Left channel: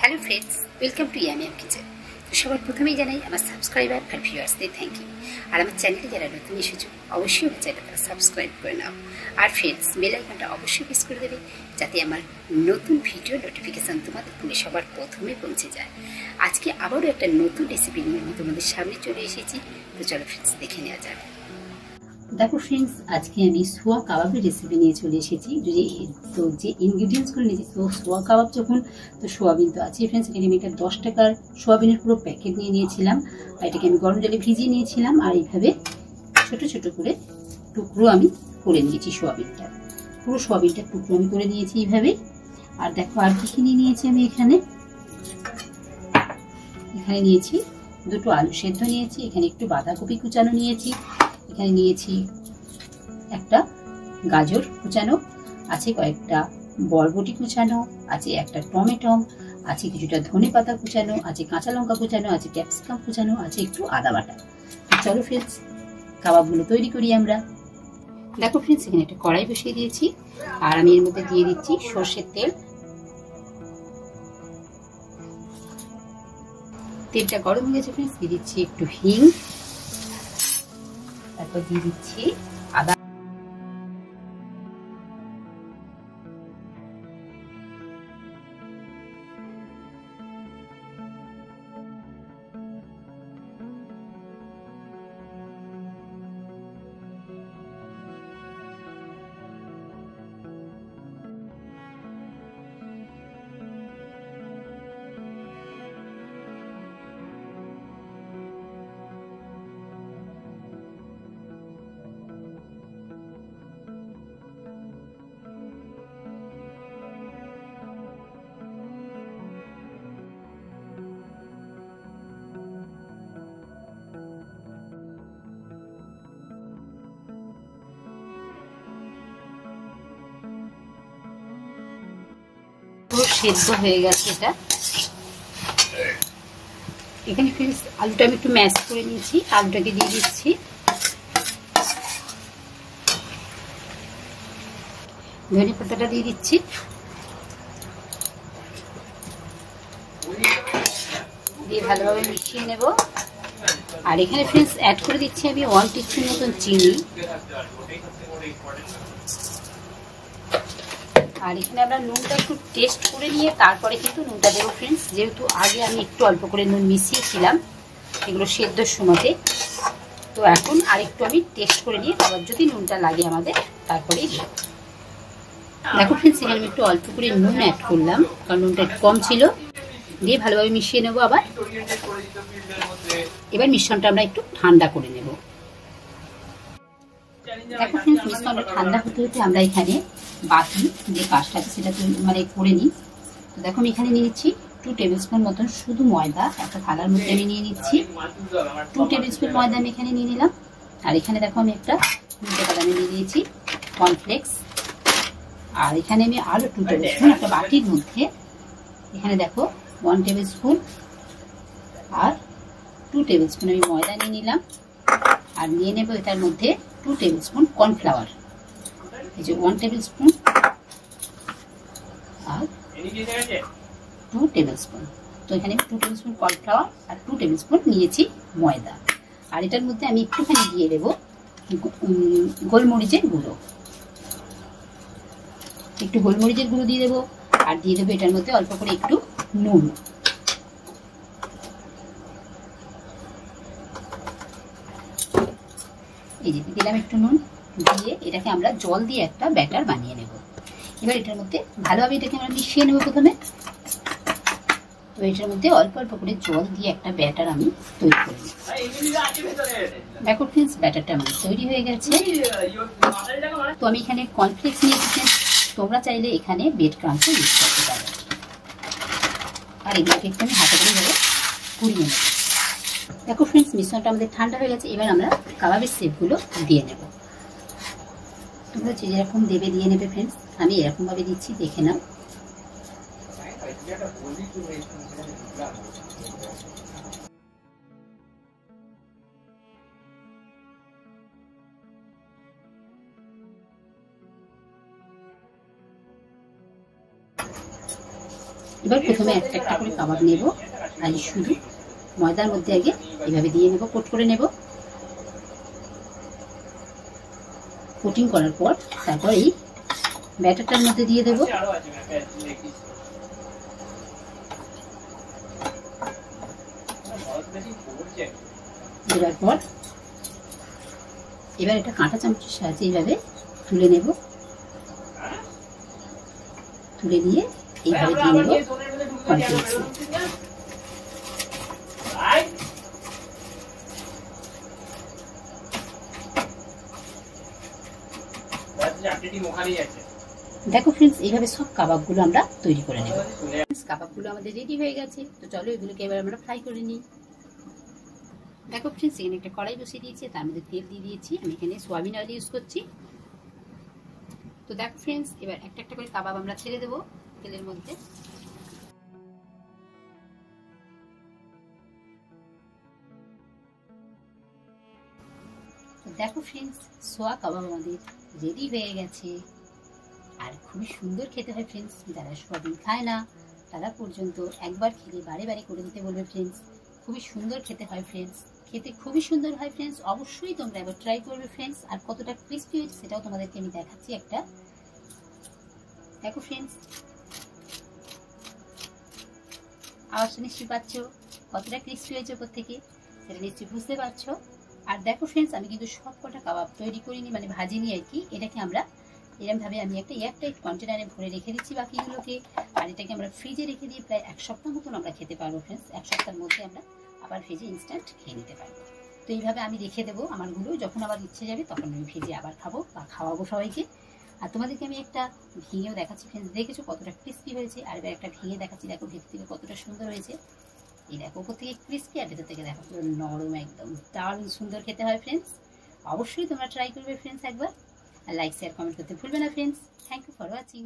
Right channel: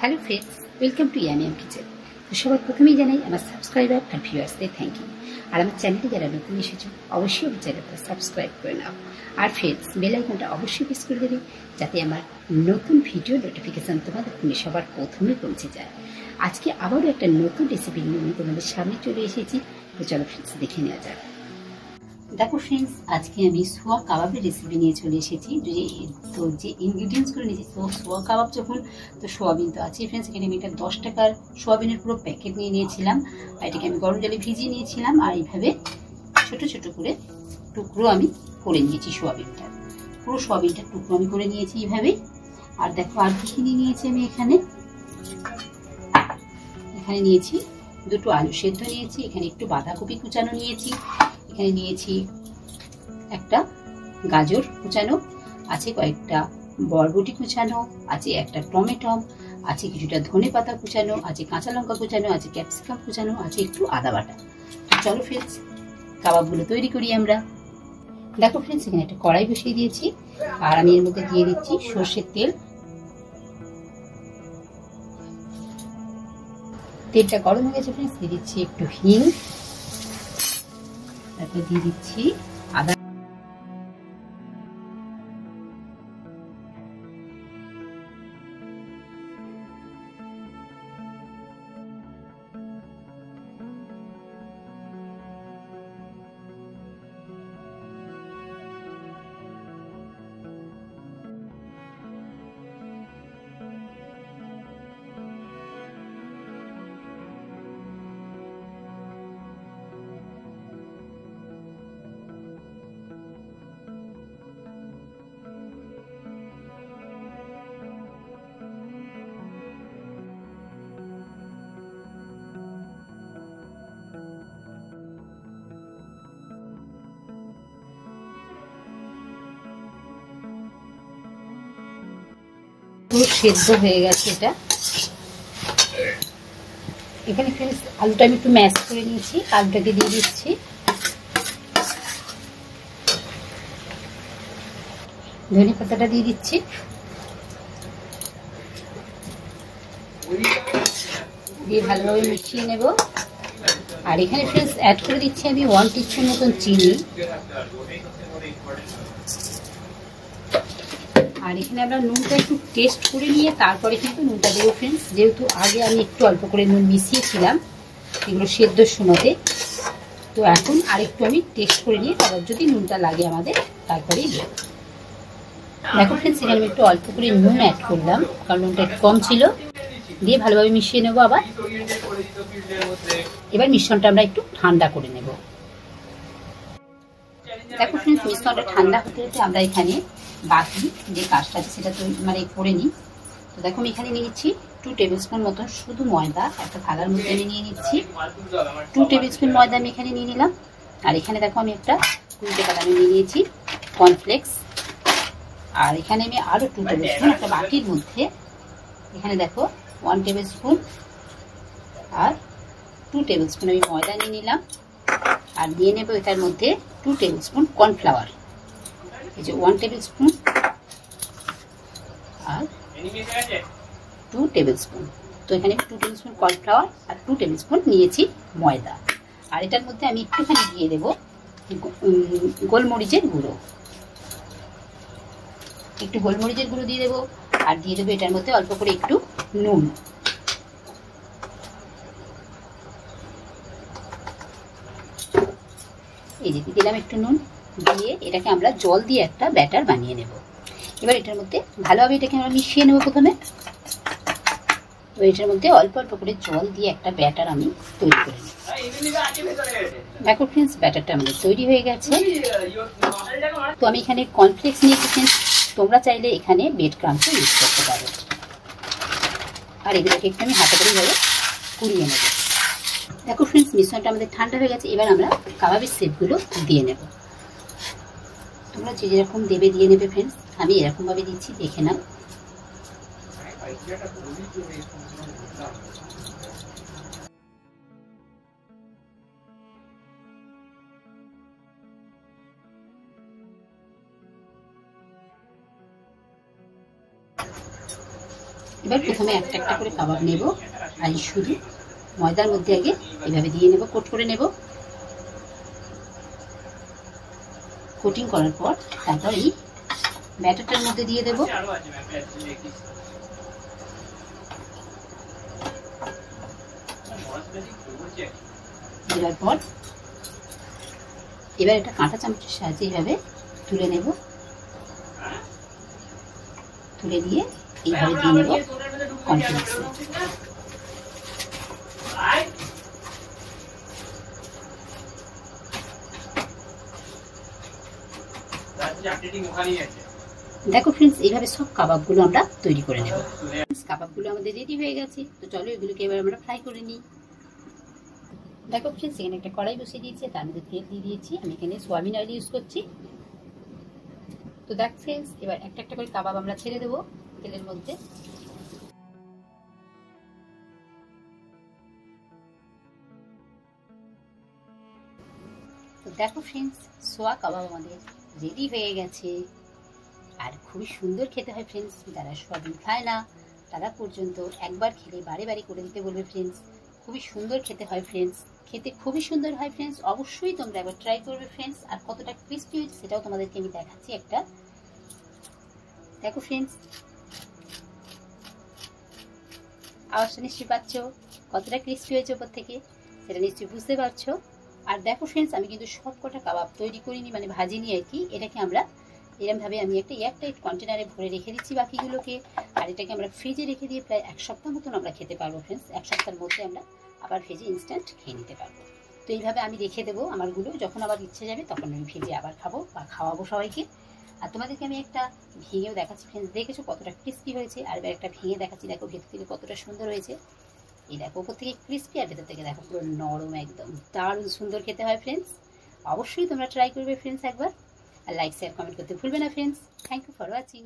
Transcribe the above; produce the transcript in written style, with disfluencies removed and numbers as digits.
Hello friends, welcome to yummy yum kitchen. তো সবার প্রথমেই জানাই আমার সাবস্ক্রাইবার আর ভিউয়ার্সদের থ্যাংক ইউ। আর আমার চ্যানেলে যারা নতুন এসেছো অবশ্যই আমার চ্যানেলটা সাবস্ক্রাইব করে নাও। আর ফ্রেন্ডস, বেল আইকনটা অবশ্যই প্রেস করে দেবে যাতে আমার নতুন ভিডিও নোটিফিকেশান তোমাদের ফোনে সবার প্রথমে পৌঁছে যায়। আজকে আবারও একটা নতুন রেসিপি নিয়ে আমি তোমাদের সামনে চলে এসেছি। তো চলো ফ্রেন্ডস, দেখে নেওয়া যাক। দেখো ফ্রেন্ডস, আজকে আমি সোয়া কাবাবের রেসিপি নিয়ে চলে এসেছি। তো যে ইনগ্রিডিয়েন্টসগুলো নিয়েছি, তো সোয়া কাবাব যখন, তো সোয়াবিন তো আছে ফ্রেন্ডস। এখানে আমি একটা 10 টাকার সোয়াবিনের পুরো প্যাকেট নিয়ে নিয়েছিলাম। আর এটাকে আমি গরম জলে ভিজিয়ে নিয়েছিলাম। আর এইভাবে ছোট ছোট করে টুকরো আমি করে নিয়েছি সোয়াবিনটা। পুরো সোয়াবিনটার টুকরো আমি করে নিয়েছি এইভাবে। আর দেখো আর কি নিয়ে নিয়েছি আমি এখানে নিয়েছি দুটো আলু সেদ্ধ নিয়েছি, এখানে একটু বাঁধাকপি কুচানো নিয়েছি, এখানে নিয়েছি একটা গাজর কুচানো, আছে কয়েকটা বরবটি কুচানো, আছে একটা টমেটো, আছে কিছুটা ধনে পাতা কুচানো, আছে কাঁচা লঙ্কা কুচানো, আছে ক্যাপসিকাম কুচানো, আছে একটু আদা বাটা। চলো ফ্রেন্ডস, কাবাবগুলো তৈরি করি আমরা। দেখো ফ্রেন্ডস, এখানে একটা কড়াই বসিয়ে দিয়েছি। আর আমি এর মধ্যে দিয়ে দিচ্ছি সর্ষের তেল। তেলটা গরম হয়ে গেছে ফ্রেন্ডস, দিয়ে দিচ্ছি একটু হিং, তারপর দিয়ে দিচ্ছি আদা। পুরো সেদ্ধ হয়ে গেছে এটা। এখানে ফ্রেন্ডস আলুটা আমি একটু ম্যাশ করে নিয়েছি, আলুটাকে দিয়ে দিচ্ছি। ধনে পাতাটা দিয়ে দিচ্ছি, দিয়ে ভালোভাবে মিশিয়ে নেব। আর এখানে ফ্রেন্ডস অ্যাড করে দিচ্ছি আমি 1 টিস্পুন মতন চিনি। আর এখানে আমরা নুনটা একটু টেস্ট করে নিয়ে তারপরে কিন্তু নুনটা দেবো ফ্রেন্ডস, যেহেতু আগে আমি একটু অল্প করে নুন মিশিয়েছিলাম এগুলো সেদ্ধর সময়তে। তো এখন আরেকটু আমি টেস্ট করে নিয়ে আবার যদি নুনটা লাগে আমাদের তারপরেই দেবো। দেখো ফ্রেন্ডস, এখানে আমি একটু অল্প করে নুন অ্যাড করলাম কারণ নুনটা একটু কম ছিল। দিয়ে ভালোভাবে মিশিয়ে নেবো আবার। এবার মিশ্রণটা আমরা একটু ঠান্ডা করে নেব। দেখো ফ্রেন্ডস, মিশ্রণটা ঠান্ডা হতে হতে আমরা এখানে বাকি যে কাজটা আছে সেটা করে নিই। তো দেখো আমি এখানে নিয়ে নিচ্ছি 2 টেবিল স্পুন মতন শুধু ময়দা। একটা থালার মধ্যে আমি নিয়ে নিচ্ছি 2 টেবিল স্পুন ময়দা আমি এখানে নিয়ে নিলাম। আর এখানে দেখো আমি একটা 2 টাকা দামে নিয়ে নিয়েছি কর্নফ্লেক্স। আর এখানে আমি আরো 2 টেবিল স্পুন একটা বাটির মধ্যে, এখানে দেখো 1 টেবিল স্পুন আর 2 টেবিল স্পুন আমি ময়দা নিয়ে নিলাম। আর নিয়ে নেব এটার মধ্যে 2 টেবিল স্পুন কর্নফ্লাওয়ার। এই যে 1 টেবিল স্পুন আর 2 টেবিল স্পুন। তো এখানে 2 টেবিল স্পুন কর্নফ্লাওয়ার আর 2 টেবিল স্পুন নিয়েছি ময়দা। আর এটার মধ্যে আমি একটুখানি দিয়ে দেবো গোলমরিচের গুঁড়ো, একটু গোলমরিচের গুঁড়ো দিয়ে দেবো। আর দিয়ে দেবো এটার মধ্যে অল্প করে একটু নুন। এই যে দিলাম একটু নুন, দিয়ে এটাকে আমরা জল দিয়ে একটা ব্যাটার বানিয়ে নেব। এবার এটার মধ্যে ভালোভাবে এটাকে আমরা মিশিয়ে নেব প্রথমে। তো এটার মধ্যে অল্প অল্প করে জল দিয়ে একটা ব্যাটার আমি তৈরি করে নেব। দেখো ফ্রেন্ডস, ব্যাটারটা আমাদের তৈরি হয়ে গেছে। তো আমি এখানে কর্নফ্লেক্স নিয়েছি, তোমরা চাইলে এখানে ব্রেড ক্রাম্বসও ইউজ করতে পারো। আর এগুলোকে একটু আমি হাতে করে ভাবে পুড়িয়ে নেব। দেখো ফ্রেন্ডস, মিশ্রণটা আমাদের ঠান্ডা হয়ে গেছে। এবার আমরা কাবাবের শেপগুলো দিয়ে নেব। তোমরা যে যেরকম দেবে দিয়ে নেবে ফ্রেন্ডস, আমি এরকম ভাবে দিচ্ছি, দেখে নাও। এবার প্রথমে একটা একটা করে কাবাব নেব, আর শুধু ময়দার মধ্যে আগে এভাবে দিয়ে নেব, কোট করে নেব। কোটিং করার পর তারপর এই ব্যাটারটার মধ্যে দিয়ে দেব। দেওয়ার পর এবার একটা কাঁটা চামচের সাহায্যে এইভাবে তুলে নেব, তুলে নিয়ে এইভাবে দিয়ে নেব কর্নফ্লেক্সে। দেখো ফ্রেন্ডস, এইভাবে সব কাবাবগুলো আমরা তৈরি করে নেব। কাবাবগুলো আমাদের রেডি হয়ে গেছে, তো চলো এগুলোকে এবার আমরা ফ্রাই করে নিই। দেখো ফ্রেন্ডস, এখানে একটা কড়াই বসিয়ে দিয়েছি, তার মধ্যে তেল দিয়ে দিয়েছি। আমি এখানে সোয়াবিন অয়েল ইউজ করছি। তো দেখ ফ্রেন্ডস, এবার একটা একটা করে কাবাব আমরা ছেড়ে দেবো তেলের মধ্যে। তো দেখো ফ্রেন্ডস, সোয়া কাবাব আমাদের রেডি হয়ে গেছে, আর খুবই সুন্দর খেতে হয় ফ্রেন্ডস। যারা সোয়াবিন খায় না তারা পর্যন্ত একবার খেলে বারে বারে করে দিতে বলবে ফ্রেন্ডস। খুবই সুন্দর খেতে হয় ফ্রেন্ডস, খেতে খুবই সুন্দর হয় ফ্রেন্ডস। অবশ্যই তোমরা একবার ট্রাই করবে ফ্রেন্ডস। আর কতটা ক্রিস্পি হয়েছে সেটাও তোমাদেরকে আমি দেখাচ্ছি একটা। দেখো ফ্রেন্ডস, আওয়াজটা নিশ্চয়ই পাচ্ছ কতটা ক্রিস্পি হয়েছে ওপর থেকে, সেটা নিশ্চয়ই বুঝতে পারছো। আর দেখো ফ্রেন্ডস, আমি কিন্তু সব কটা কাবাব তৈরি করিনি, মানে ভাজিনি আর কি। এটাকে আমরা এরকমভাবে আমি একটা এয়ারটাইট কন্টেনারে ভরে রেখে দিচ্ছি বাকিগুলোকে। আর এটাকে আমরা ফ্রিজে রেখে দিয়ে প্রায় 1 সপ্তাহ মতন আমরা খেতে পারবো ফ্রেন্ডস। 1 সপ্তাহের মধ্যে আমরা আবার ভেজে ইনস্ট্যান্ট খেয়ে নিতে পারবো। তো এইভাবে আমি রেখে দেবো আমারগুলো, যখন আবার ইচ্ছে যাবে তখন আমি ভেজে আবার খাবো বা খাওয়াবো সবাইকে। আর তোমাদেরকে আমি একটা ভেঙেও দেখাচ্ছি ফ্রেন্ডস, দেখেছো কতটা ক্রিস্পি হয়েছে। আর এবার একটা ভেঙে দেখাচ্ছি, দেখো ভেতর থেকে কতটা সুন্দর হয়েছে। এই দেখো উপর থেকে ক্রিস্পি, আর ভেতর থেকে দেখো পুরো নরম, একদম দারুণ সুন্দর খেতে হয় ফ্রেন্ডস। অবশ্যই তোমরা ট্রাই করবে ফ্রেন্ডস একবার। আর লাইক শেয়ার কমেন্ট করতে ভুলবে না friends. Thank you for watching.